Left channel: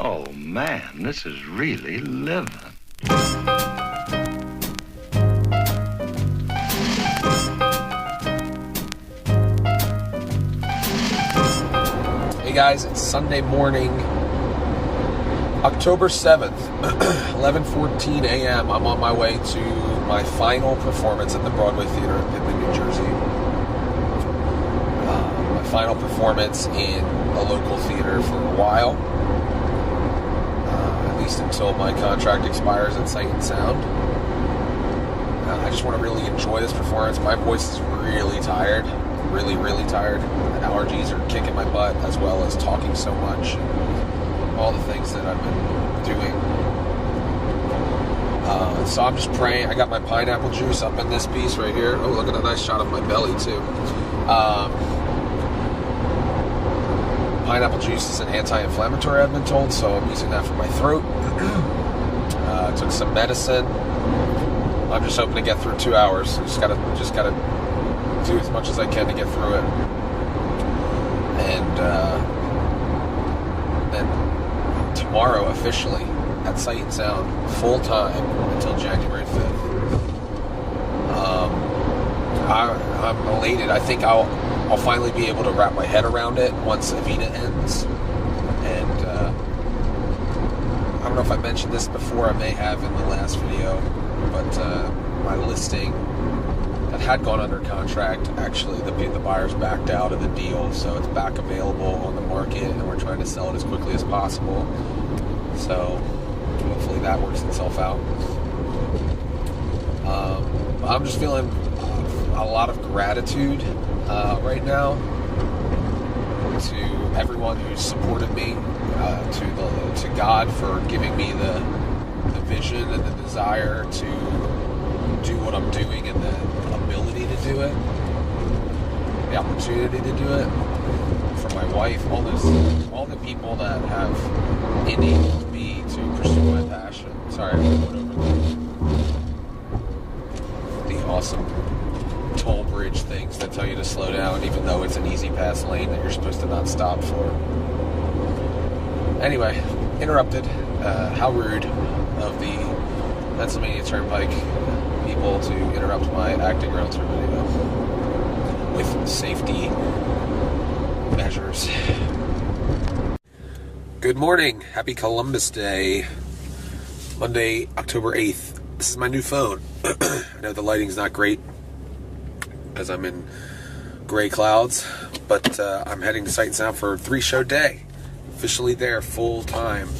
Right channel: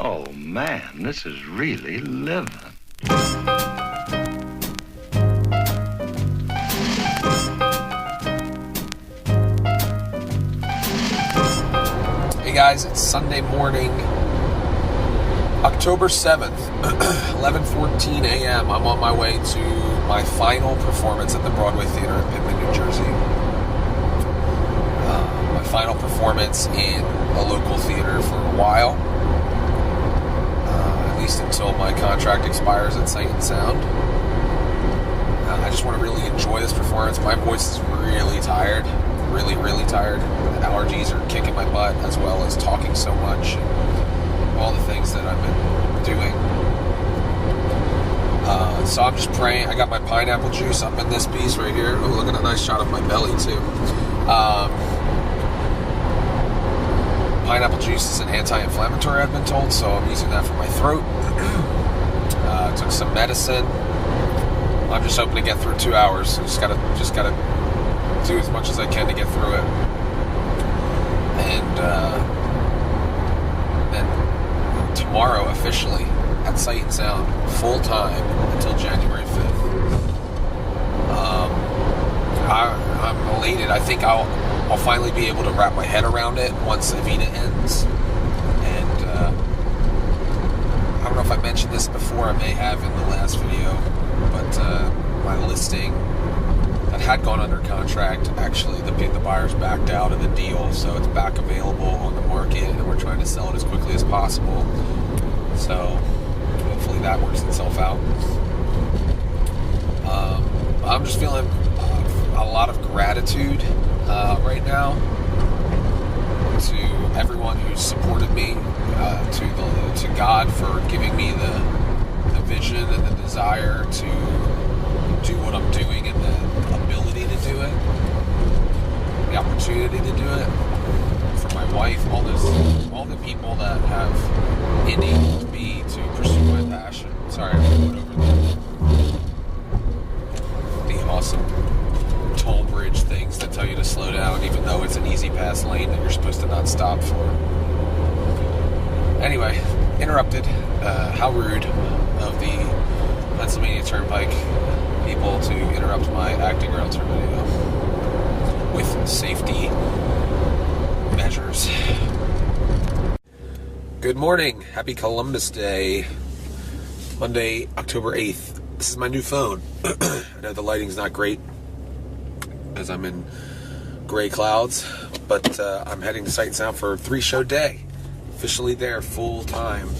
Oh man, this is really living. Hey guys, it's Sunday morning, October 7th, 11:14 a.m. I'm on my way to my final performance at the Broadway Theatre of Pitman, New Jersey. My final performance in a local theater for a while, at least until my contract expires at Sight and Sound. I just want to really enjoy this performance. My voice is really tired, really tired. The allergies are kicking my butt, as well as talking so much, all the things that I've been doing. So I'm just praying. I got my pineapple juice up in this piece right here. Oh, look at a nice shot of my belly too. Pineapple juice is an anti-inflammatory, I've been told, so I'm using that for my throat. Took some medicine. I'm just hoping to get through 2 hours. Just gotta do as much as I can to get through it. And then tomorrow, officially, at Sight and Sound, full time until January 5th. I'm elated. I think I'll finally be able to wrap my head around it once Evita ends. And I don't know if I mentioned this before. I may have in the last video, but my listing that had gone under contract, actually the buyers backed out of the deal, so it's back available on the market, and we're trying to sell it as quickly as possible. So hopefully that works itself out. I'm just feeling a lot of gratitude right now to everyone who's supported me, to God for giving me the vision and the desire to do what I'm doing, and the ability to do it, the opportunity to do it, for my wife, all the people that have enabled me to pursue my passion. Sorry, I went over the awesome toll bridge things that tell you to slow down, even though it's an easy pass lane that you're supposed to not stop for. Anyway, interrupted. How rude of the Pennsylvania Turnpike people to interrupt my acting Realtor video with safety measures. Good morning. Happy Columbus Day. Monday, October 8th. This is my new phone. I know the lighting's not great as I'm in gray clouds, but I'm heading to Sight and Sound for a 3-show day. Officially there full time.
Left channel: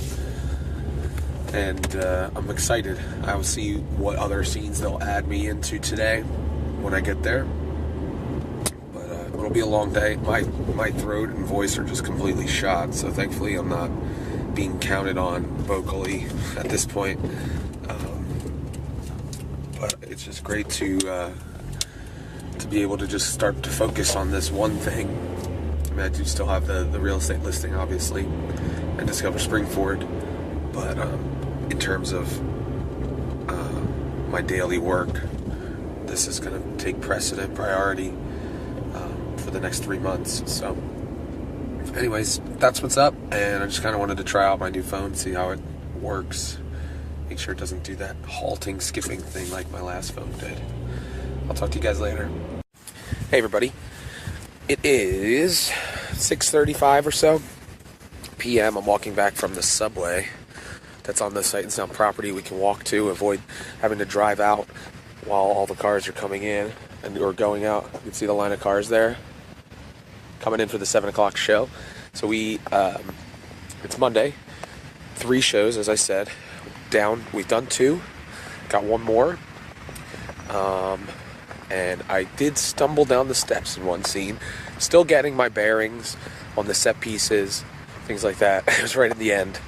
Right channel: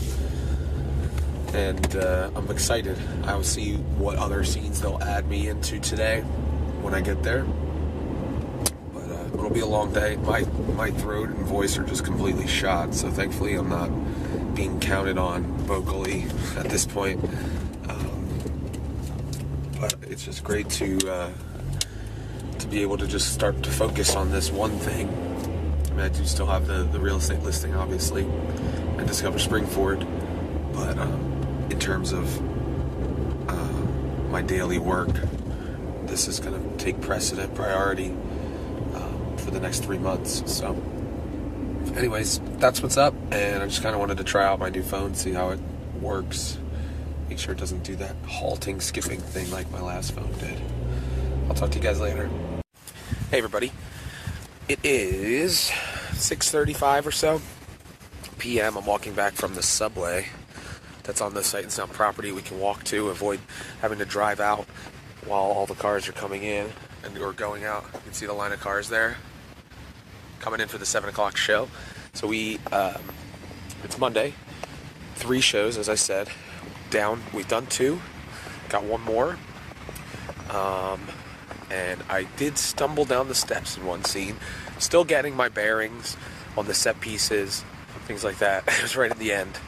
And I'm excited. I'll see what other scenes they'll add me into today when I get there. But it'll be a long day. My throat and voice are just completely shot, so thankfully I'm not being counted on vocally at this point. But it's just great to be able to just start to focus on this one thing. I mean, I do still have the real estate listing, obviously, and Discover Springford, but in terms of my daily work, this is going to take precedent, priority for the next 3 months. So anyways, that's what's up, and I just kind of wanted to try out my new phone, see how it works, make sure it doesn't do that halting, skipping thing like my last phone did. I'll talk to you guys later. Hey everybody, it is 6:35 or so p.m. I'm walking back from the subway that's on the Sight and Sound property. We can walk to, avoid having to drive out while all the cars are coming in or going out. You can see the line of cars there coming in for the 7 o'clock show. So it's Monday, 3 shows, as I said. We've done 2, got 1 more. And I did stumble down the steps in one scene, still getting my bearings on the set pieces, things like that. It was right at the end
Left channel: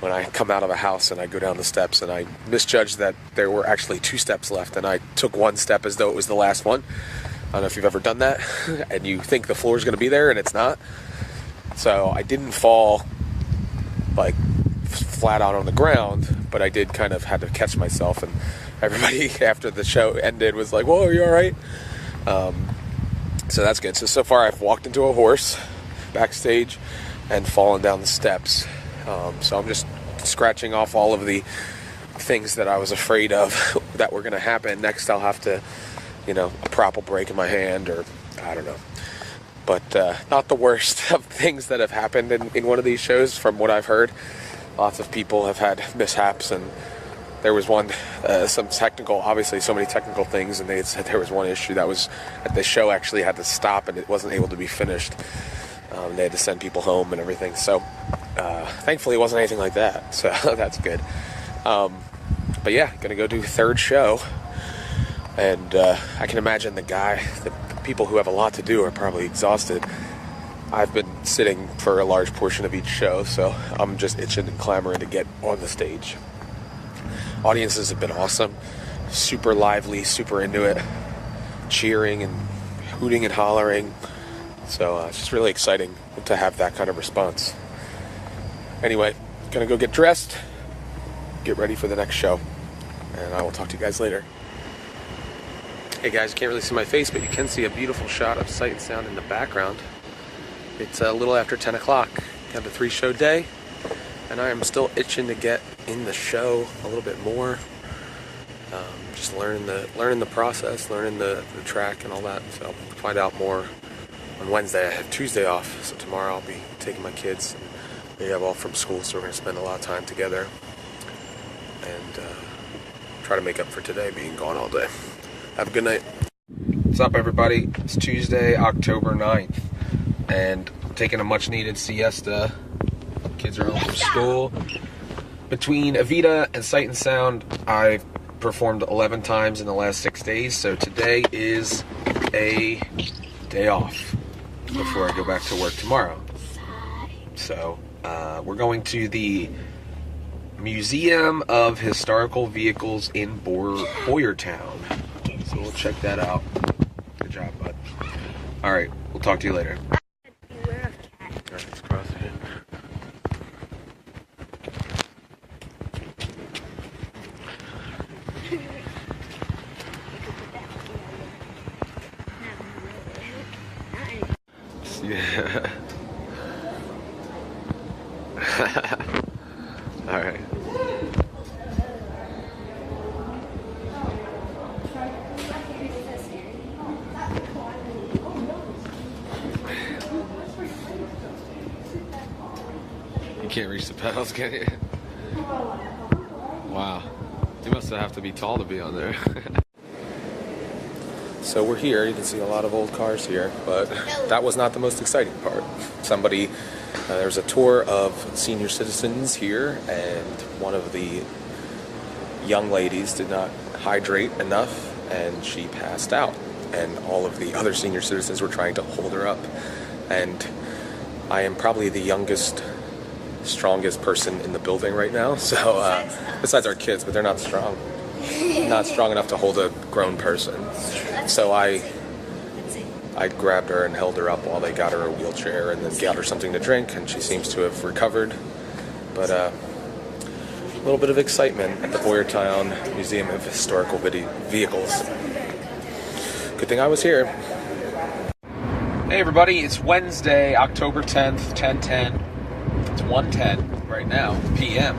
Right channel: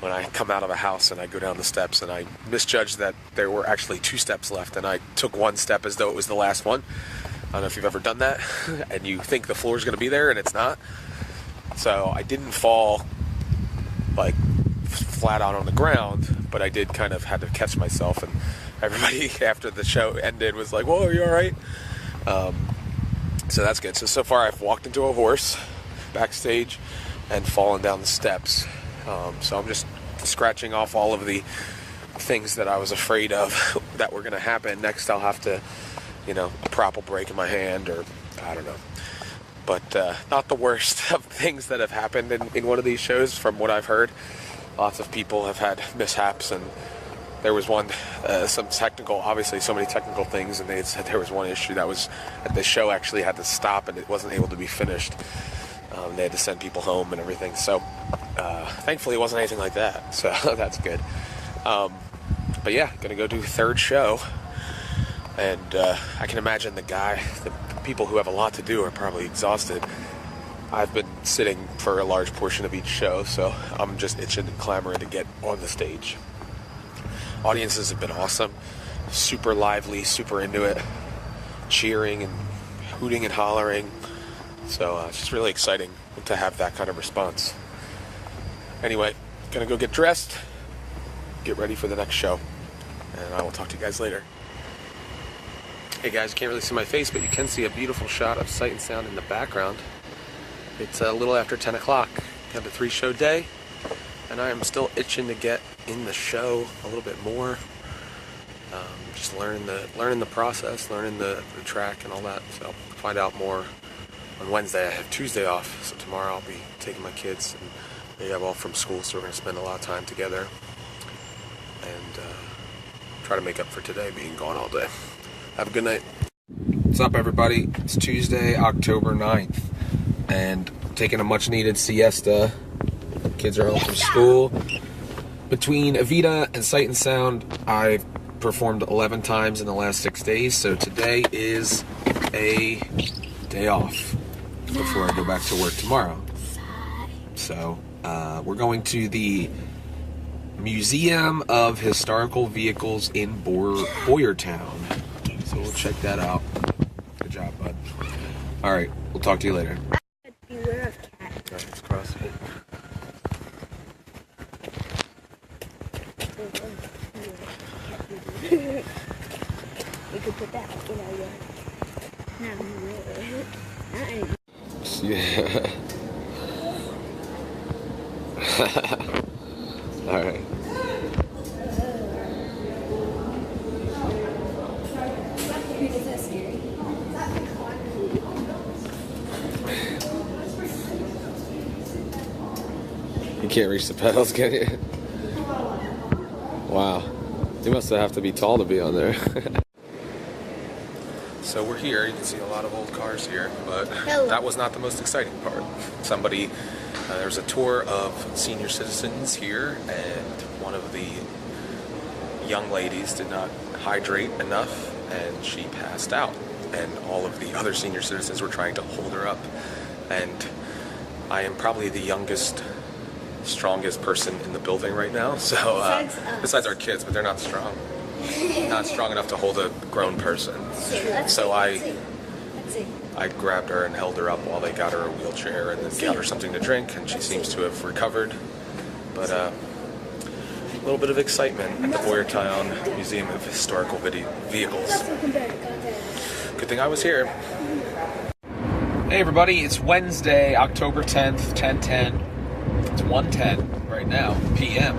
when I come out of a house and I go down the steps, and I misjudged that there were actually 2 steps left, and I took 1 step as though it was the last one. I don't know if you've ever done that, and you think the floor's going to be there, and it's not. So I didn't fall like flat out on the ground, but I did kind of had to catch myself, and everybody after the show ended was like, "Whoa, are you all right?" So that's good. So far I've walked into a horse backstage and fallen down the steps. So I'm just scratching off all of the things that I was afraid of that were going to happen. Next, I'll have to, a prop will break in my hand, or I don't know. But not the worst of things that have happened in one of these shows, from what I've heard. Lots of people have had mishaps, and there was one, obviously so many technical things, and they had said there was one issue that was that the show actually had to stop and it wasn't able to be finished. They had to send people home and everything. So thankfully it wasn't anything like that, so that's good. But yeah, gonna go do third show, and I can imagine the people who have a lot to do are probably exhausted. I've been sitting for a large portion of each show, so I'm just itching and clamoring to get on the stage. Audiences have been awesome, super lively, super into it, cheering and hooting and hollering. So it's just really exciting to have that kind of response. Anyway, gonna go get dressed, get ready for the next show, and I will talk to you guys later. Hey guys, you can't really see my face, but you can see a beautiful shot of Sight and Sound in the background. It's a little after 10 o'clock. We have a 3-show day, and I am still itching to get in the show a little bit more. Just learning the process, learning the track and all that. So I'll find out more on Wednesday. I have Tuesday off, so tomorrow I'll be taking my kids, and they have off from school, so we're going to spend a lot of time together and try to make up for today being gone all day. Have a good night. What's up, everybody? It's Tuesday, October 9th, and taking a much-needed siesta. Kids are home from school. Between Evita and Sight and Sound, I've performed 11 times in the last 6 days, so today is a day off before I go back to work tomorrow. So we're going to the Museum of Historical Vehicles in Boyertown. So we'll check that out. Good job, bud. All right, we'll talk to you later. Beware of cats. All right, let's cross it. We could put that Yeah. All right. You can't reach the pedals, can you? Wow. You must have to be tall to be on there. So we're here. You can see a lot of old cars here, but that was not the most exciting part. There was a tour of senior citizens here, and one of the young ladies did not hydrate enough, and she passed out. And all of the other senior citizens were trying to hold her up. And I am probably the youngest, strongest person in the building right now. So besides our kids, but they're not strong. Not strong enough to hold a grown person. So I grabbed her and held her up while they got her a wheelchair, and then got her something to drink, and she seems to have recovered. But a little bit of excitement at the Boyertown Museum of Historical Vehicles. Good thing I was here. Hey everybody, it's Wednesday, October 10th, 10:10. It's 1:10 right now, p.m.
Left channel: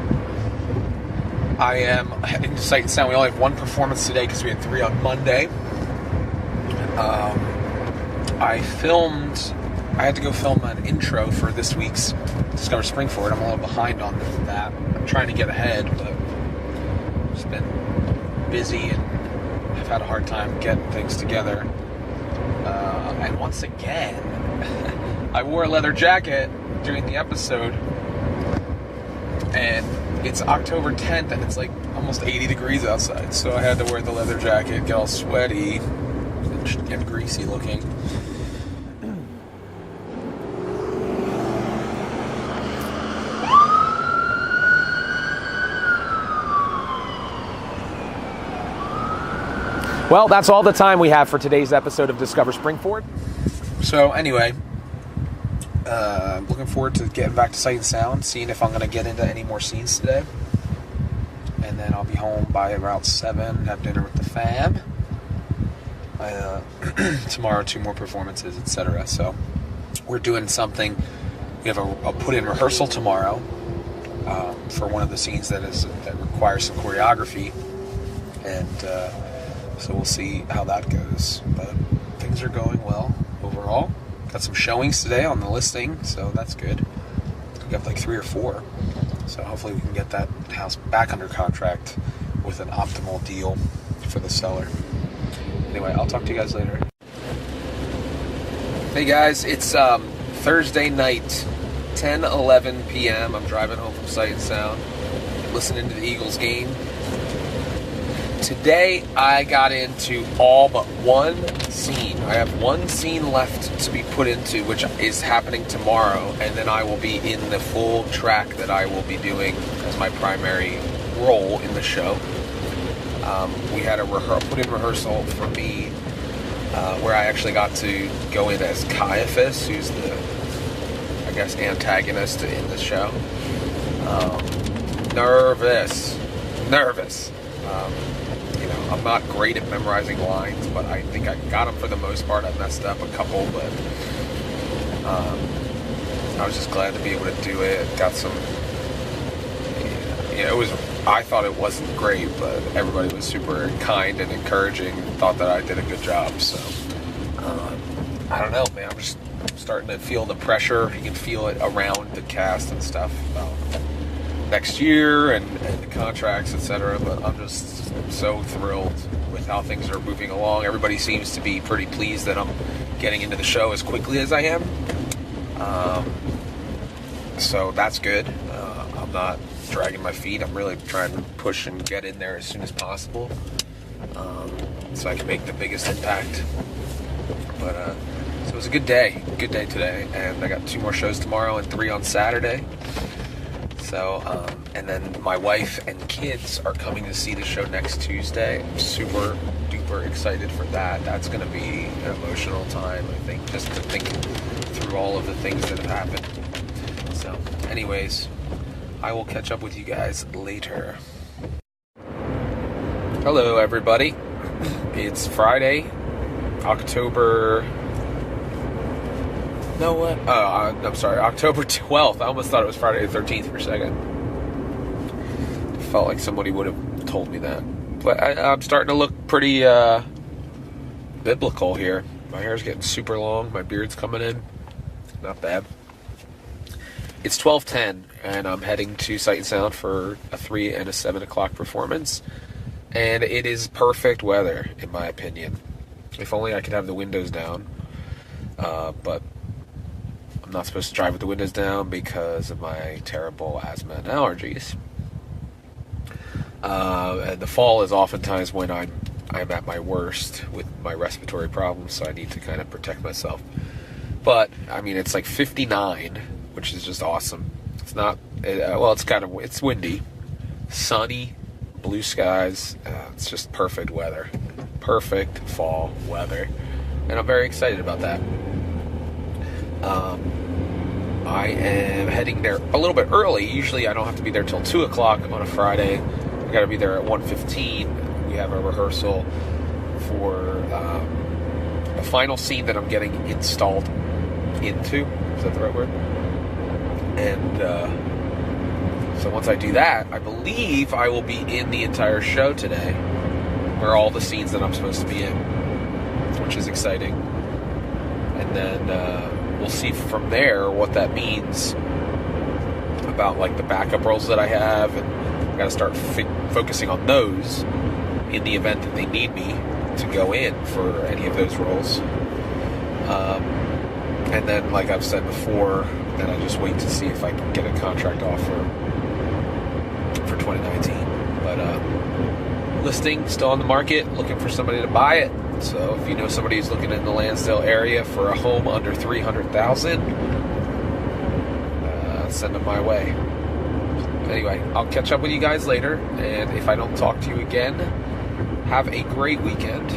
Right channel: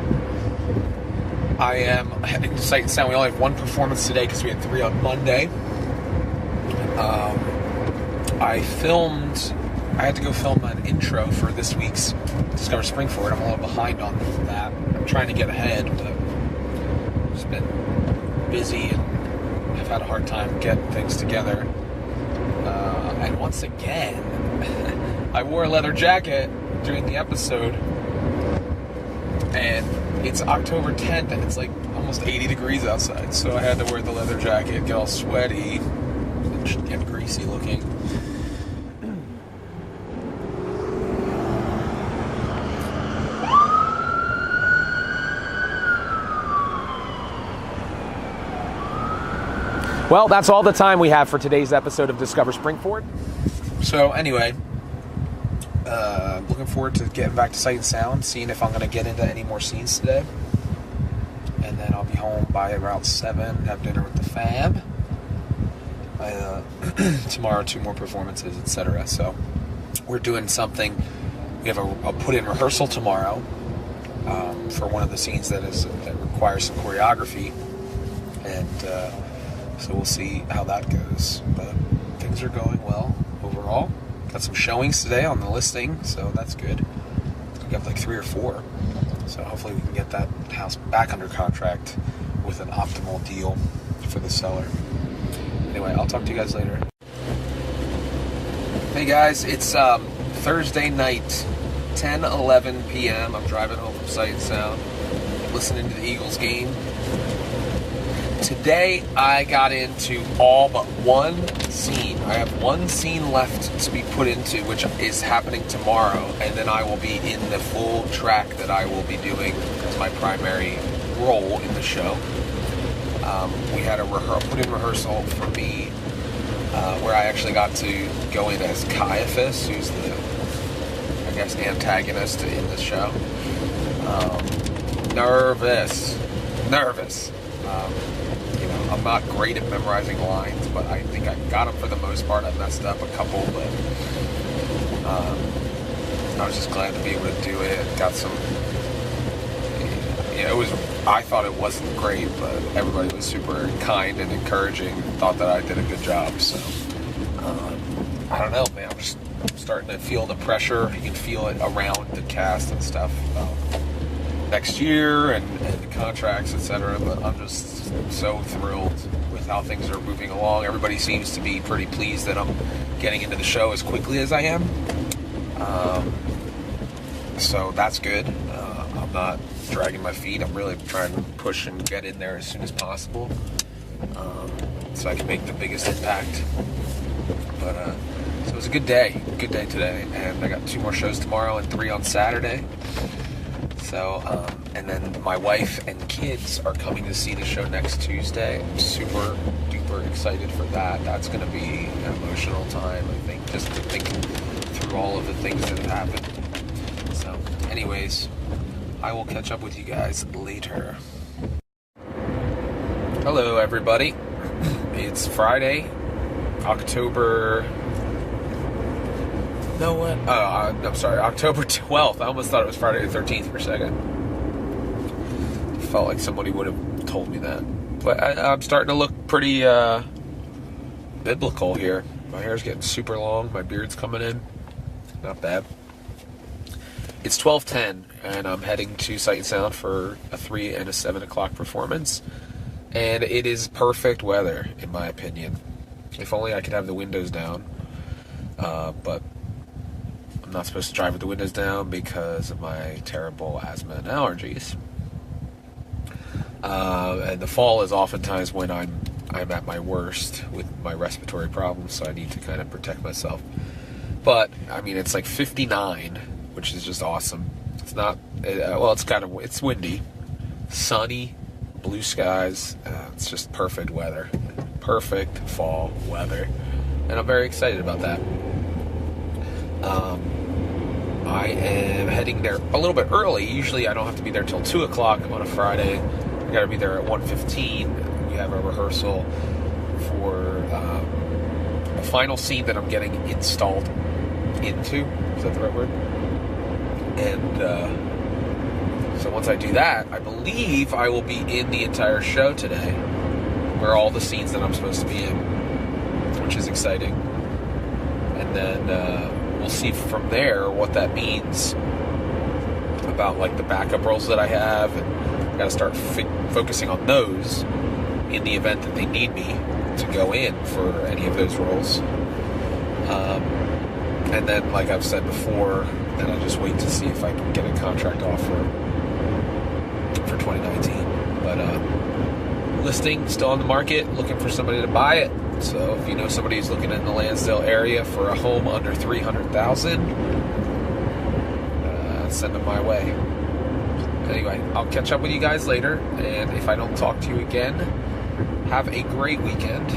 I am in Sight and Sound. We only have one performance today because we had 3 on Monday. I had to go film an intro for this week's Discover Springford. I'm a little behind on that. I'm trying to get ahead, but just been busy and I've had a hard time getting things together. And once again, I wore a leather jacket during the episode, and it's October 10th and it's like almost 80 degrees outside, so I had to wear the leather jacket, get all sweaty and greasy looking. Well, that's all the time we have for today's episode of Discover Springford. So anyway, I'm looking forward to getting back to Sight and Sound, seeing if I'm going to get into any more scenes today. And then I'll be home by around 7, have dinner with the fam. Tomorrow, 2 more performances, etc. So we're doing something. We have a put-in rehearsal tomorrow for one of the scenes that requires some choreography, and so we'll see how that goes. But things are going well overall. Got some showings today on the listing, so that's good. We got like 3 or 4, so hopefully we can get that house back under contract with an optimal deal for the seller. Anyway, I'll talk to you guys later. Hey guys, it's Thursday night, 10:11 p.m. I'm driving home from Sight and Sound, listening to the Eagles game. Today, I got into all but one scene. I have one scene left to be put into, which is happening tomorrow, and then I will be in the full track that I will be doing as my primary role in the show. We had a put-in rehearsal for me, where I actually got to go in as Caiaphas, who's the, I guess, antagonist in the show. Nervous. I'm not great at memorizing lines, but I think I got them for the most part. I messed up a couple, but I was just glad to be able to do it. Got some, I thought it wasn't great, but everybody was super kind and encouraging, thought that I did a good job, so, I don't know, man, I'm starting to feel the pressure. You can feel it around the cast and stuff, next year and contracts, etc. But I'm just so thrilled with how things are moving along. Everybody seems to be pretty pleased that I'm getting into the show as quickly as I am. So that's good. I'm not dragging my feet. I'm really trying to push and get in there as soon as possible, so I can make the biggest impact. But so it was a good day today, and I got 2 more shows tomorrow and 3 on Saturday. So, and then my wife and kids are coming to see the show next Tuesday. I'm super duper excited for that. That's going to be an emotional time, I think, just to think through all of the things that have happened. So, anyways, I will catch up with you guys later. Hello, everybody. It's Friday, October 12th. I almost thought it was Friday the 13th for a second. Felt like somebody would have told me that. But I'm starting to look pretty biblical here. My hair's getting super long. My beard's coming in. Not bad. It's 12:10, and I'm heading to Sight and Sound for a 3 and a 7 o'clock performance. And it is perfect weather, in my opinion. If only I could have the windows down. But I'm not supposed to drive with the windows down because of my terrible asthma and allergies. And the fall is oftentimes when I'm at my worst with my respiratory problems, so I need to kind of protect myself. But I mean, it's like 59, which is just awesome. It's not it's windy, sunny, blue skies. It's just perfect weather, perfect fall weather, and I'm very excited about that. I am heading there a little bit early. Usually I don't have to be there till 2 o'clock on a Friday. I got to be there at 1:15. We have a rehearsal for a final scene that I'm getting installed into. Is that the right word? And so once I do that, I believe I will be in the entire show today, where all the scenes that I'm supposed to be in, which is exciting. And then we'll see from there what that means about like the backup roles that I have, and I got to start focusing on those in the event that they need me to go in for any of those roles. And then, like I've said before, then I just wait to see if I can get a contract offer for 2019. But listing still on the market, looking for somebody to buy it. So if you know somebody who's looking in the Lansdale area for a home under $300,000, send them my way. Anyway, I'll catch up with you guys later, and if I don't talk to you again, have a great weekend.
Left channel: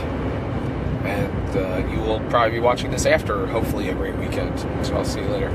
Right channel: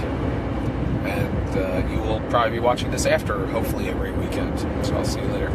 And you will probably be watching this after, hopefully, a great weekend. So I'll see you later.